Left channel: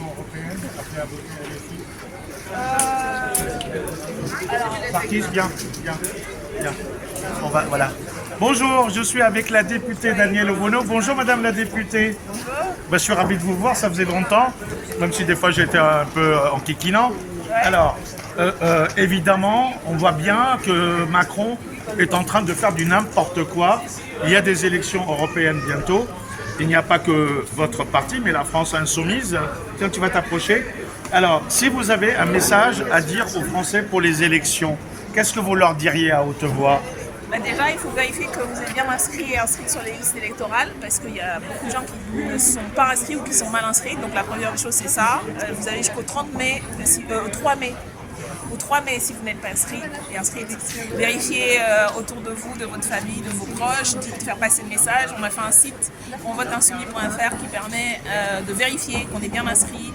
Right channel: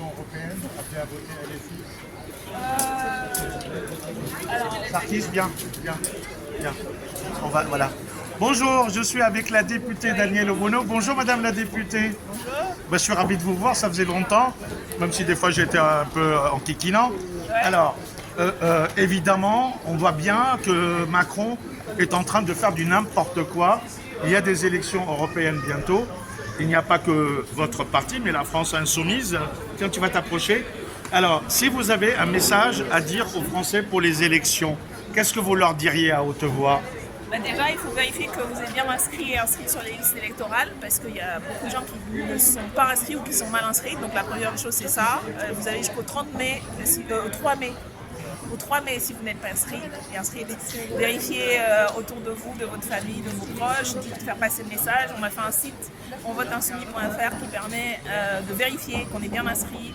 élections européennes, après à voter ici. Parti, bien. On va, voilà. Bonjour, je suis avec la députée Danielle Obono. Bonjour Madame la députée. Je suis ravi de vous voir, ça faisait longtemps, même si des fois j'étais un peu enquiquinant. Alors, évidemment, on voit bien que Macron est en train de faire du n'importe quoi. Il y a des élections européennes bientôt. Il n'y a pas que votre parti, mais la France insoumise. Tiens, tu vas t'approcher. Alors, si vous avez un message à dire aux Français pour les élections, qu'est-ce que vous leur diriez à haute voix? Déjà, il faut vérifier que vous êtes bien inscrit et inscrit sur les listes électorales parce qu'il y a beaucoup de gens qui ne sont pas inscrits ou qui sont mal inscrits. Donc la première chose, c'est ça. Vous avez jusqu'au 30 mai, 3 mai. Au 3 mai, si vous n'êtes pas inscrit et inscrite, vérifiez autour de vous, de votre famille, de vos proches, de faire passer le message. On a fait un site, onvoteinsoumis.fr, qui permet de vérifier qu'on est bien inscrit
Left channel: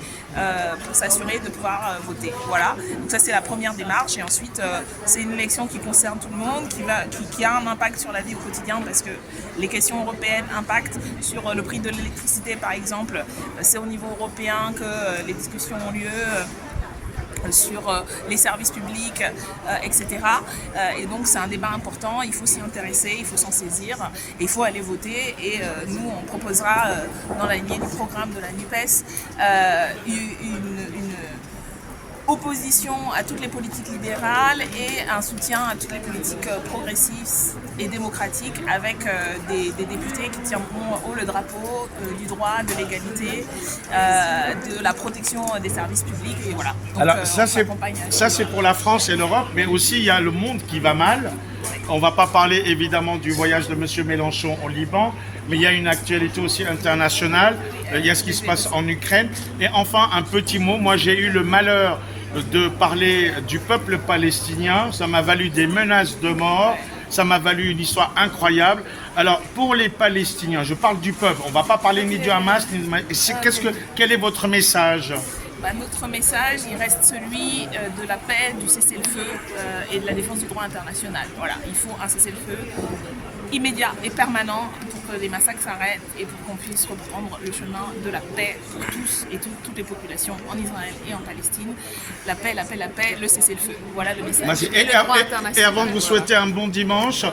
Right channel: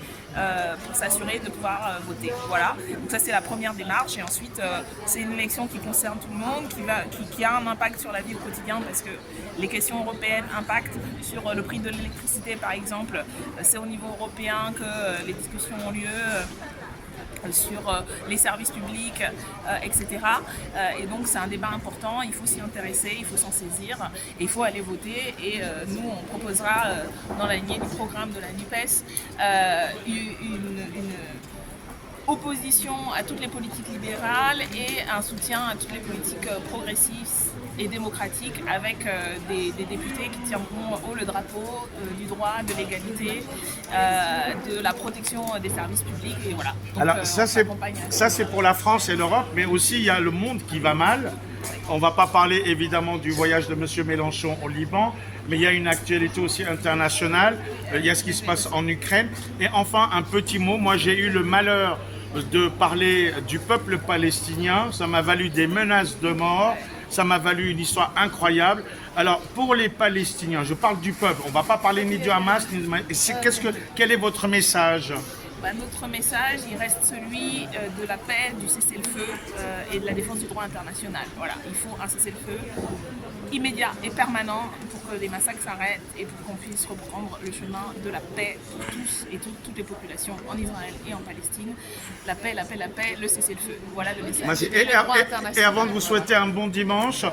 pour s'assurer de pouvoir voter. Voilà, donc ça c'est la première démarche et ensuite c'est une élection qui concerne tout le monde, qui a un impact sur la vie au quotidien parce que les questions européennes impactent sur le prix de l'électricité par exemple. C'est au niveau européen que les discussions ont lieu sur les services publics, etc. Et donc c'est un débat important, il faut s'y intéresser, il faut s'en saisir, et il faut aller voter. Et nous, on proposera dans la lignée du programme de la NUPES une opposition à toutes les politiques libérales et un soutien à toutes les politiques progressistes et démocratiques avec des députés qui tiendront haut le drapeau du droit, de l'égalité, de la protection des services publics et voilà. Donc, alors ça c'est pour la France et l'Europe, mais aussi il y a le monde qui va mal. On ne va pas parler évidemment du voyage de M. Mélenchon au Liban, mais il y a une actualité aussi internationale, il y a ce qui se passe en Ukraine. Et enfin un petit mot, moi j'ai eu le malheur de parler du peuple palestinien, ça m'a valu des menaces de mort, ça m'a valu une histoire incroyable. Alors pour les Palestiniens, je parle du peuple, on ne va pas parler ni du Hamas, quel est votre message? Notre message, il reste celui de la paix, du cessez-le-feu et de la défense du droit international. Voilà, il faut un cessez-le-feu immédiat et permanent pour que les massacres s'arrêtent et pour qu'on puisse reprendre le chemin de la paix pour tous et toutes les populations en Israël et en Palestine. La paix, la paix, la paix, le cessez-le-feu. Voilà le message. Et avant de vous souhaiter un bon dimanche,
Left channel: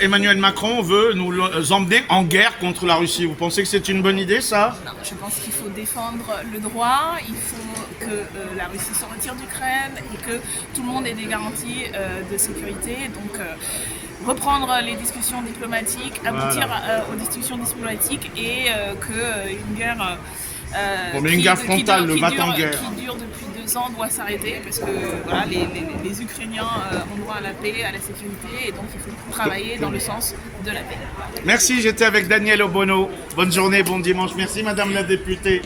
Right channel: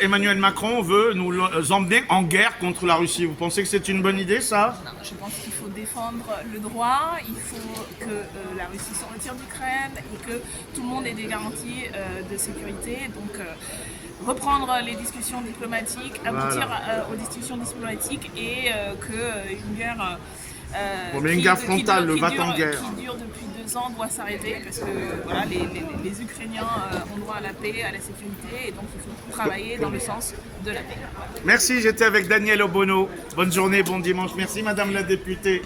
Emmanuel Macron veut nous emmener en guerre contre la Russie. Vous pensez que c'est une bonne idée, ça? Non, je pense qu'il faut défendre le droit, il faut que la Russie se retire d'Ukraine et que tout le monde ait des garanties de sécurité. Donc reprendre les discussions diplomatiques, aboutir aux discussions diplomatiques et qu'une guerre une guerre frontale, le va-t-en-guerre qui dure depuis 2 ans doit s'arrêter parce que voilà, les Ukrainiens ont droit à la paix, à la sécurité et donc il faut travailler dans le sens de la paix. Merci, j'étais avec Danielle Obono. Bonne journée, bon dimanche. Merci Madame la députée.